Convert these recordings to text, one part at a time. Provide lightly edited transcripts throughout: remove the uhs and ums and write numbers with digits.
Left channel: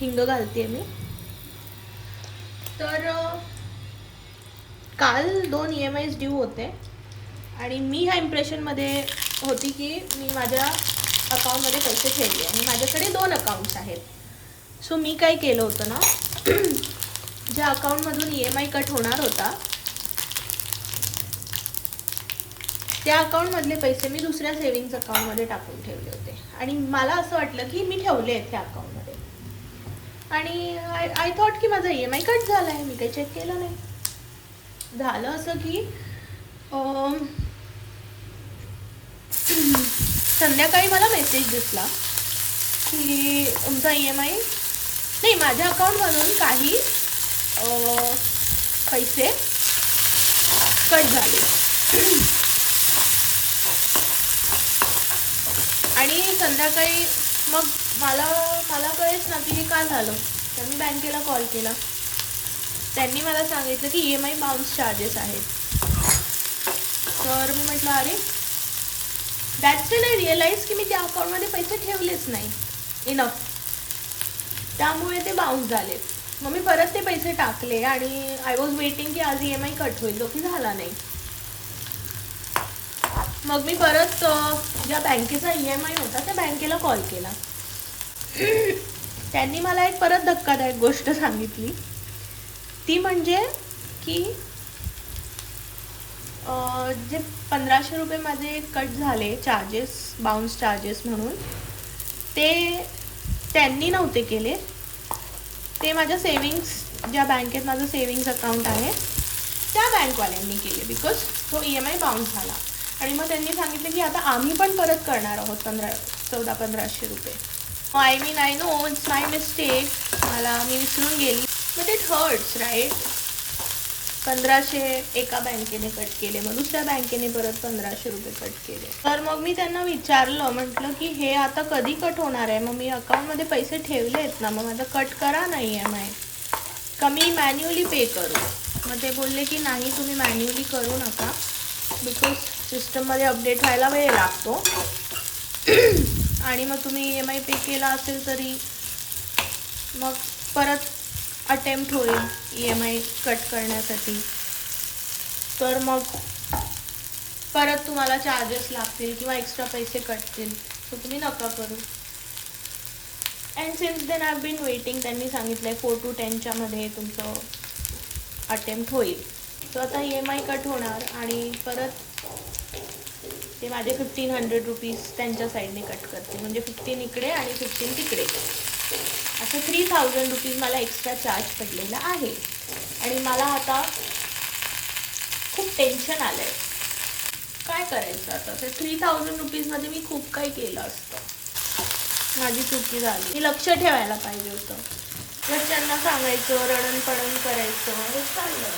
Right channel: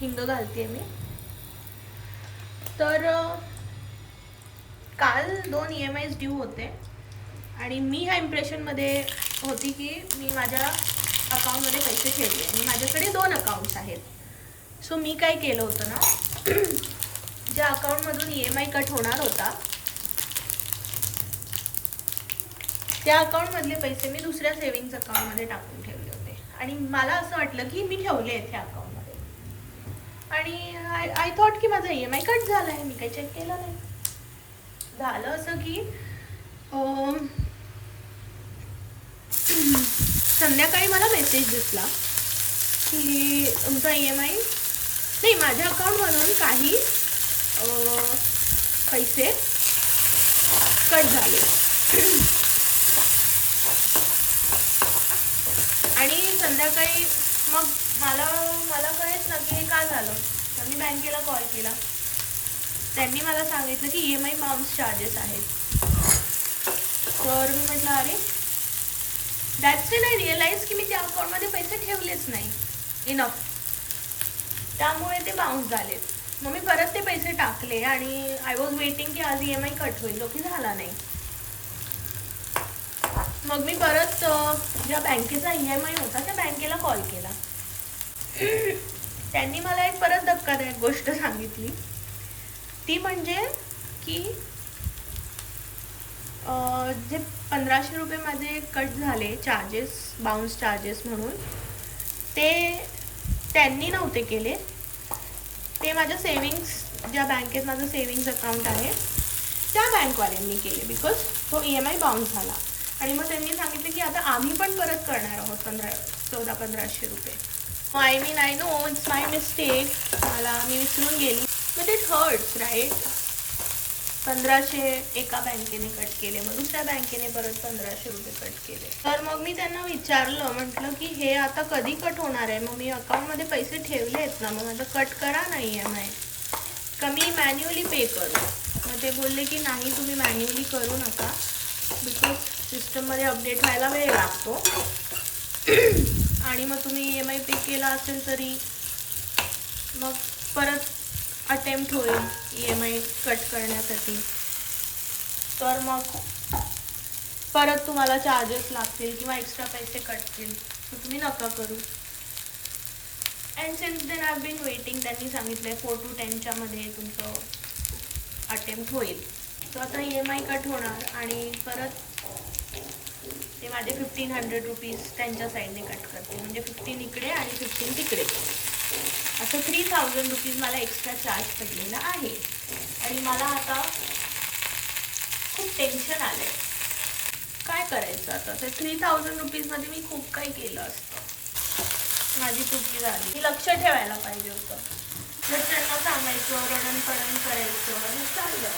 हिंग घालते मी. तर काल 2 EMIs ड्यू होते आणि मी ह्या इम्प्रेशनमध्ये होती की मी माझ्या अकाउंटमध्ये पैसे ठेवले आणि माझ्याकडे 2 अकाउंट्स आहेत. सो मी काय केलं होतं ना, ज्या अकाउंटमधून EMI कट होणार होता त्या अकाउंटमधले पैसे मी दुसऱ्या सेव्हिंग्स अकाउंटमध्ये टाकून ठेवले होते आणि मला असं वाटलं की मी ठेवले आहेत त्या अकाउंटमध्ये आणि आय थॉट की माझा EMI कट झाला आहे. मी काही चेक केलं नाही. झालं असं की संध्याकाळी मला मेसेज दिसला की तुमचा EMI नाही, माझ्या अकाउंटमधून काही पैसे कट झाले आणि संध्याकाळी मग मला कळेच ना की हे का झालं. तर मी बँकेला कॉल केला. त्यांनी मला सांगितलं की EMI बाउन्स चार्जेस आहेत. तर मी म्हटलं अरे दॅट्स व्हेन आय रिअलाइज की मी त्या अकाउंटमध्ये पैसे ठेवलेच नाही इनफ, त्यामुळे ते बाउन्स झाले. मग मी परत ते पैसे टाकले आणि आय वॉज वेटिंग की आज EMI कट होईल, जो की झाला नाही. मग मी परत ज्या बँकेचा EMI होता त्या बँकेला कॉल केला. त्यांनी मला एक परत धक्कादायक गोष्ट सांगितली. ती म्हणजे की जे 1500 रुपये माझे कट झाले चार्जेस, बाउन्स चार्जेस म्हणून, ते त्यांनी नव्हते केले. ते माझ्या सेविंग्स, ज्या बँकेत माझं सेविंग्स अकाउंट आहे त्या बँकवाल्यांनी केले बिकॉज तो EMI बाउन्स झाला. आणि मग त्यांनी सांगितलं की आता आम्ही पण परत करणार आहोत 1400-1500 रुपये. I mean I know it's my mistake, मी विसरून गेली. But it hurts right. 1500 एका बँकेने कट केले, मग दुसऱ्या बँकेने परत 1500 रुपये कट केले. तर मग मी त्यांना विचारलं, म्हटलं की हे आता कधी कट होणार आहे. मग मी अकाउंटमध्ये पैसे ठेवले आहेत ना, मग माझं कट करा ना EMI, का मी मॅन्युअली पे करू. मग ते बोलले की नाही, तुम्ही मॅन्युअली करू नका बिकॉज सिस्टममध्ये अपडेट व्हायला वेळ लागतो आणि मग तुम्ही EMI पे केला असेल तरी मग परत अटेम्प्ट होईल EMI कट करण्यासाठी. तर मग परत तुम्हाला चार्जेस लागतील किंवा एक्स्ट्रा पैसे कटतील, तर तुम्ही नका करू. And since then I been waiting. त्यांनी सांगितलं 4 to 10 मध्ये तुमचं अटेम्प्ट होईल. तर आता EMI कट होणार आणि परत ते माझे 1500 रुपीज त्यांच्या साईडने कट करते, म्हणजे 15 इकडे आणि 15 तिकडे, असं 3000 रुपीज मला एक्स्ट्रा चार्ज पडलेला आहे. आणि मला आता खूप टेन्शन आलं आहे. काय करायचं आता. ते 3000 रुपीजमध्ये मी खूप काही केलं असतं. माझी चुकी झाली. मी लक्ष ठेवायला पाहिजे होतं. जर त्यांना सांगायचं, रडून पडून करायचं, हे चाललं.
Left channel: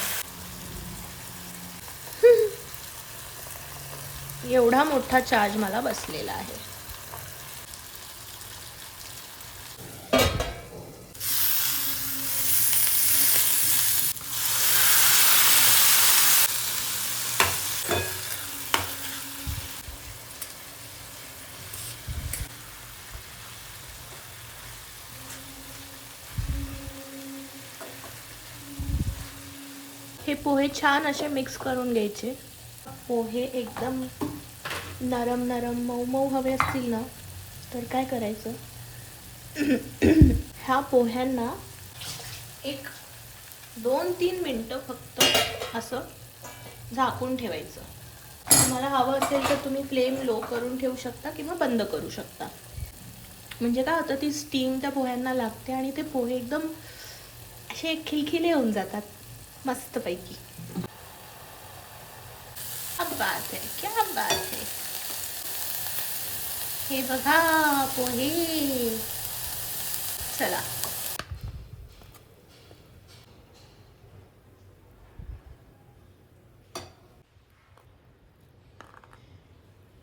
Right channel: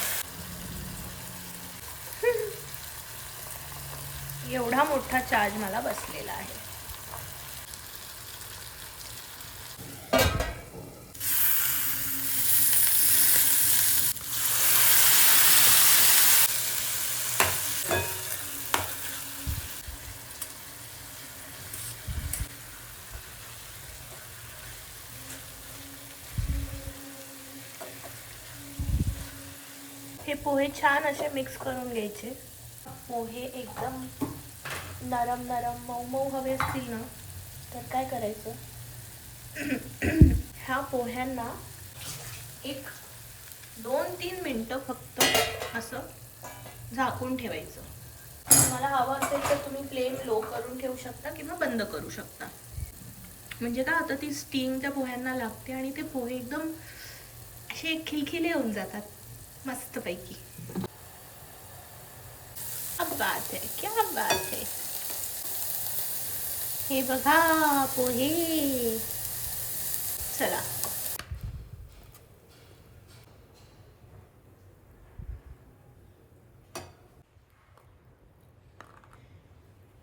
एवढा मोठा चार्ज मला बसलेला आहे. हे पोहे छान असे मिक्स करून घ्यायचे. पोहे एकदम नरम नरम मऊ मऊ हवे असतील ना, तर काय करायचं, ह्या पोह्यांना एक 2-3 मिनटं फक्त असं झाकून ठेवायचं. तुम्हाला हवं असेल तर तुम्ही फ्लेम लो करून ठेवू शकता किंवा बंद करू शकता. म्हणजे काय होतं, ती स्टीम त्या पोह्यांना लागते आणि ते पोहे एकदम असे खिलखिले होऊन जातात मस्तपैकी. क्या बात है, क्या बात है. हे बघा पोहे. चला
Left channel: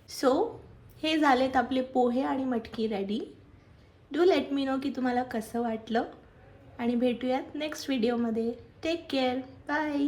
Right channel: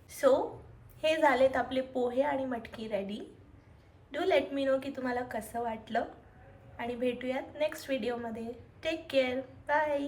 सो हे झालेत आपले पोहे आणि मटकी ready. Do let me know की तुम्हाला कसं वाटलं आणि भेटूयात नेक्स्ट व्हिडिओमध्ये. Take care. बाय.